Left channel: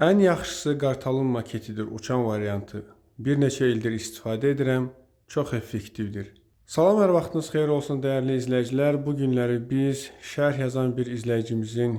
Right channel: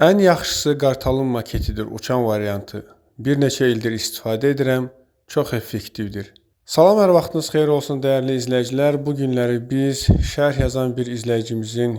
Ən yaxşısı qartalın maketidir, uçan variantı. Bir neçə ildir istifadə edirəm, çox effektivdir. Salam, hər vaxtınız xeyir olsun dəyərli izləyicilər. Bu günləri biz şərh yazan bir izləyicimizin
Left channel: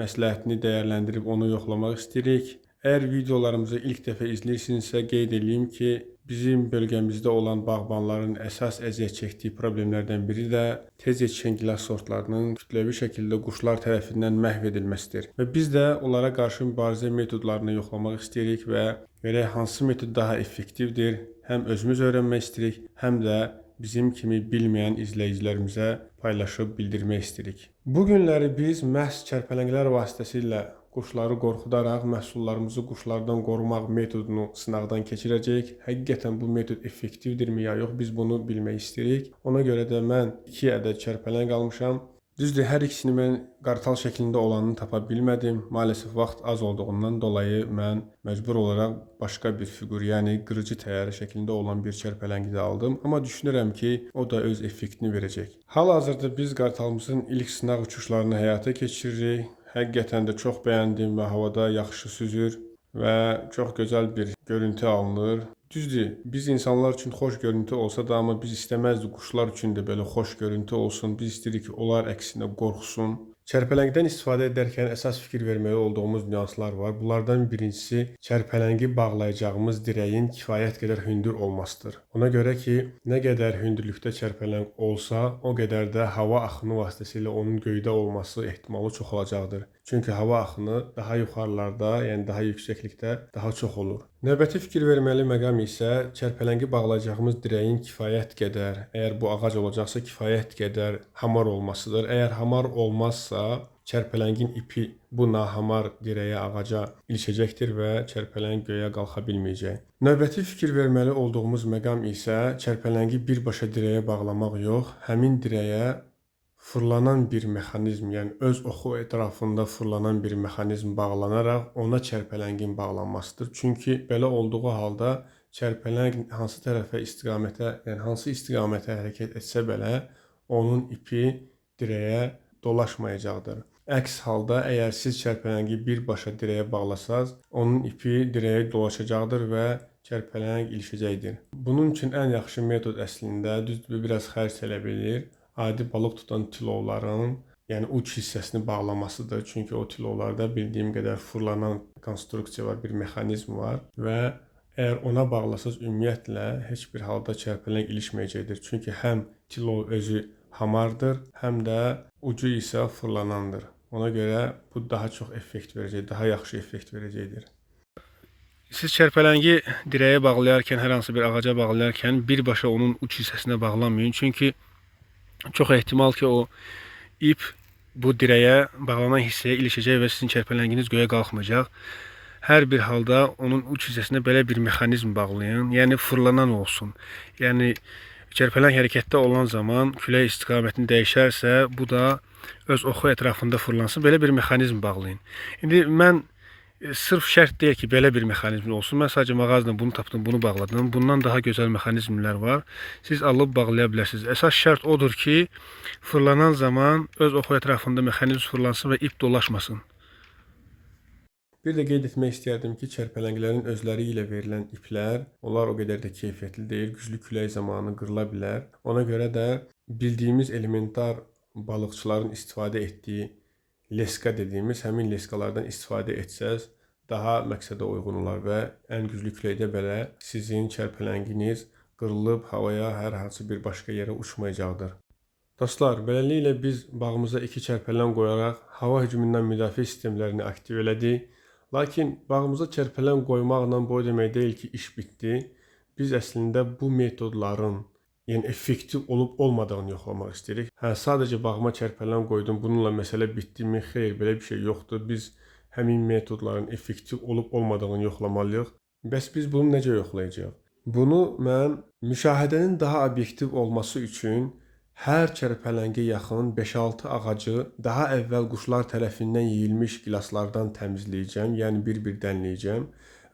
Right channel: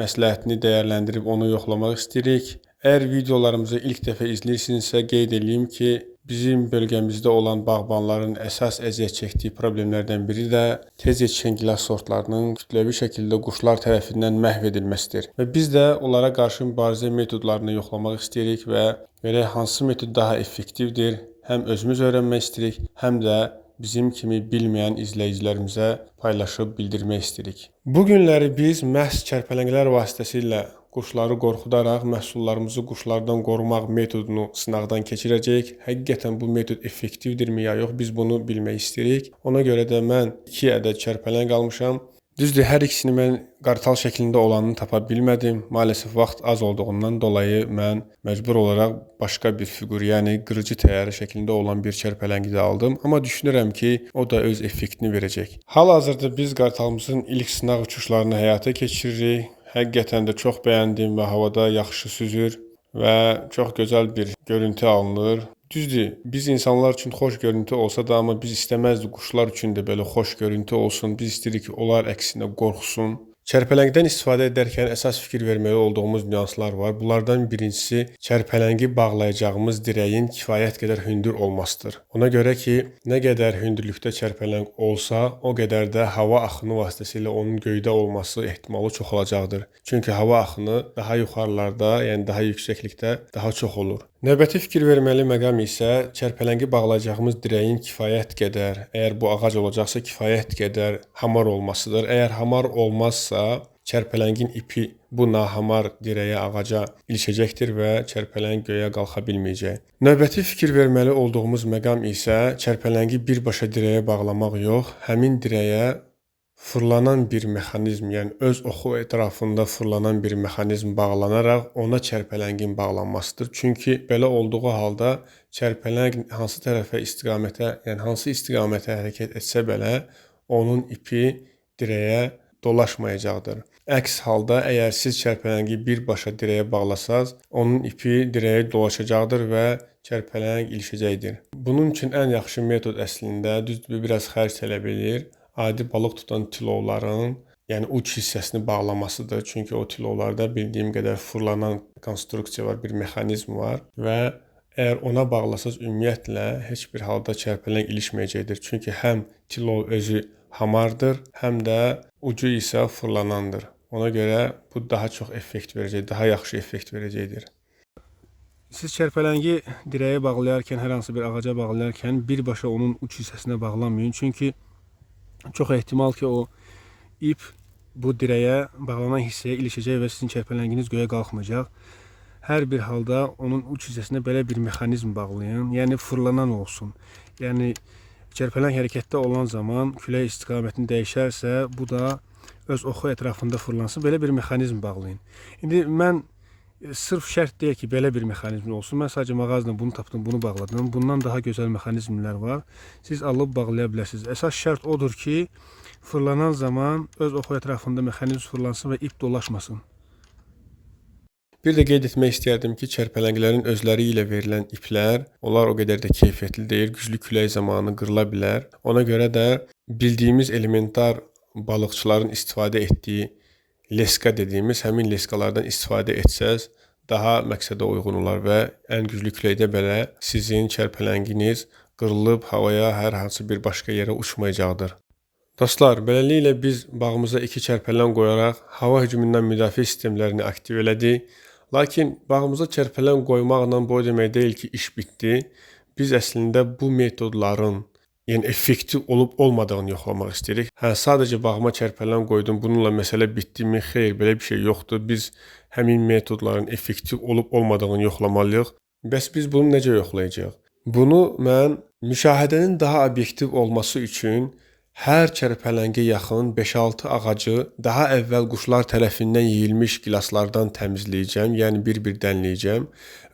məsləhətini dəyərləndirib onu yoxlamaq istəyirik. Əgər videolarımızı ilk dəfə izləyirsinizsə qeyd edeyim ki, bizim bölgəmizdə olan bağbanların əsas əziyyət çəkdiyi problemlərdən biri də tez yetişən gilas sortlarının kütləvi şəkildə quşlar tərəfindən məhv edilməsidir. Və biz də onlara qarşı mübarizə metodlarını yoxlamaq istəyirik və görək hansı metod daha effektivdir. Həm özümüz öyrənmək istəyirik, həm də bizim kimi bilməyən izləyicilərimizə paylaşıb bildirmək istəyirik. Bu günləri biz məhz çərpələnglər vasitəsilə quşları qorxudaraq məhsullarımızı quşlardan qorumaq metodunu sınaqdan keçirəcəyik. Həqiqətən bu metod effektivdirmi ya yox, biz bunu bilmək istəyirik. Ona görə də mən 2 ədəd çərpələng almışam. Düzdür, hər ikisini mən qartal şəklində olanını tapa bilmədim. Maalesef vaxt az olduğundan dolayı mən məcbur olaraq başqa bir fiqur, yəni qırıcı təyyarə şəklində olan bir çərpələngi də aldım. Amma düşünürəm ki, o da öz effektini verəcək. Hal-hazırda biz qartalımızın ilk sınaq uçuşlarını həyata keçiririk. Həqiqətən də çox bəyəndim və havada yaxşı süzür və çox gözəl bir görüntü alınır. Düzdür, biz insanlar üçün xoş görüntü olsa da, amma biz istəməzdik quşlar üçün də belə xoş görüntü olsun. Biz istəyirik ki, onlar əksinə qorxsun. Çərpələngdən istifadə edərkən əsas fikir verməli olduğumuz nüanslar var. Bunlardan birincisi çərpələngi bağlayacağımız dirəyin kifayət qədər hündür olmasıdır. Ona görə ki, nə qədər hündürlükdə çərpələng olsa, o qədər də hava axını vasitəsilə onun göydə olması ehtimalı çoxalacaqdır. Çünki hava axını daha yuxarılarda, yəni daha yüksəklikdə daha çox olur. Növbəti fikir verməli məqam isə çərpələngi bağlayacağımız dirəyin kifayət qədər, əgər bu ağac olacaqsa kifayət qədər hamar olmasıdır. Əgər hamar olmazsa, çərpələngin ipi bu nahamar dirəyə, ağaca ilişəcəkdir və çərpələng göyə qalxa bilməyəcək. Növbəti fikir verməli olduğumuz məqam isə çərpələngi birbaşa dirəyə bağlamaq yox, həmin dirəyə fırlanan bir mexanizm, yəni öz oxu ətrafında fırlanan bir mexanizm bağlanaraq ona çərpələngin bağlanmasıdır. Çünki belə olduğu halda çərpələng hansı tərəfə istiqamətə, yəni hansı istiqamətə hərəkət etsə belə onun ipi dirəyə dolaşmayacaqdır. Əks halda əgər siz çərpələngi birbaşa dirəyə bağlasaz, onun ipi dirəyə dolaşacaqdır və çərpələng ilişəcəkdir. Bunun üçün ən yaxşı metod əslində düzdür, biraz xərc tələb edir. Adi balıq tutan tilovların, yəni uç hissəsini bağlamasıdır. Çünki o tilovlarda bildiyim qədər fırlanan konstruksiya var, bir mexanizm var və əgər ona bağlasaz ümumiyyətlə heç bir halda çərpələng ilişməyəcəkdir. Çünki həm tilov özü hamardır, həm də ucu isə fırlanandır. Ona görə bu daha çox effekt verəcək, daha yaxşı effekt verəcəkdir. Siz çərpələngi dirəyə bağlayarkən, hər hansı bir ağaca bağlayarkən birbaşa onun uç hissəsinə bağlamayın. Çünki çox ehtimal ki, o ip bu dirəyə bağlanan hissəyə ilişəcək və sizin çərpələnginiz göyə qalxmayacaq. Hər bir halda onun uç hissəsinə belə bir mexanizm bağlayın, yəni fırlanan olsun. Yəni çərpələng hərəkətdə olan zaman külək istiqamətini dəyişərsə, bu da öz oxu ətrafında fırlansın. Belə bir mexanizm bağlayın. İndi mən sırf şərt deyil ki, belə bir mexanizm olsun. Mən sadəcə mağazadan bunu tapdım, bunu bağladım. Bundan daha gözəl mexanizmlər var. Siz alıb bağlaya bilərsiniz. Əsas şərt odur ki, fırlanan zaman öz oxu ətrafında mexanizm fırlansın və ip dolaşmasın. Bir də qeyd etmək istəyərdim ki, çərpələnglərin özləri ilə verilən iplər, onlar o qədər də keyfiyyətli deyil. Güclü külək zamanı qırıla bilər. Ona görə də bildiyimiz elementar balıqçıların istifadə etdiyi leska dediyimiz həmin leskalardan istifadə etsəz daha məqsədə uyğun olar və ən güclü küləkdə belə sizin çərpələnginiz qırılıb havaya hər hansı bir başqa yerə uçmayacaqdır. Dostlar, beləliklə biz bağımıza 2 çərpələng qoyaraq hava hücumundan müdafiə sistemlərini aktiv elədik. Lakin bağımıza çərpələng qoymaqla bu demək deyil ki, iş bitdi. Biz əslində bu metodların yəni effektiv olub olmadığını yoxlamaq istəyirik. Sadəcə bağıma çərpələng qoydum, bununla məsələ bitdimi? Xeyr, belə bir şey yoxdur. Biz həmin metodların effektiv olub olmadığını yoxlamalıyıq. Bəs biz bunu necə yoxlayacağıq? Bunu mən müşahidənin daha obyektiv olması üçün hər çərpələngə yaxın 5-6 ağacı daha əvvəl quşlar tərəfindən yeyilmiş gilaslardan təmizləyəcəm, yəni bir-bir dənləyəcəm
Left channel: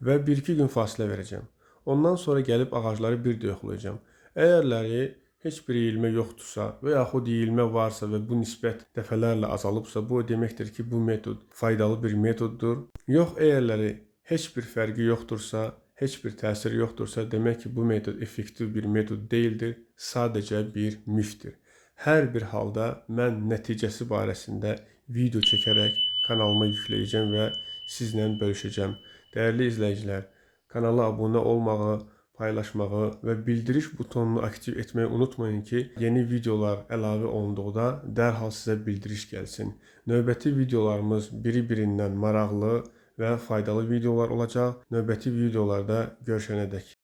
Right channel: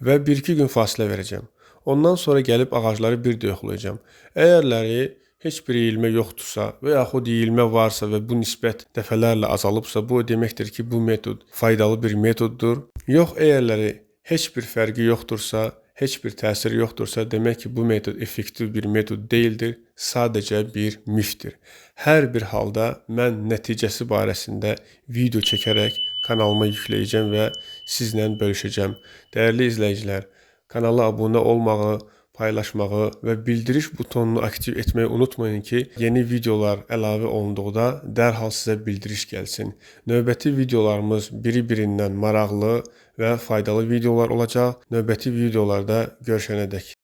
və 1-2 gün fasilə verəcəm. Ondan sonra gəlib ağacları bir də yoxlayacağım. Əgərləri heç bir iyilmə yoxdursa və yaxud iyilmə varsa və bu nisbət dəfələrlə azalıbsa, bu o deməkdir ki, bu metod faydalı bir metoddur. Yox, əgərləri heç bir fərqi yoxdursa, heç bir təsiri yoxdursa, demək ki, bu metod effektiv bir metod deyildir, sadəcə bir mifdir. Hər bir halda mən nəticəsi barəsində video çəkərək kanalıma yükləyəcəm və sizlə bölüşəcəm. Dəyərli izləyicilər, kanala abunə olmağı, paylaşmağı və bildiriş butonunu aktiv etməyi unutmayın ki, yeni videolar əlavə olunduqda dərhal sizə bildiriş gəlsin. Növbəti videolarımız biri-birindən maraqlı və faydalı videolar olacaq. Növbəti videolarda görüşənədək.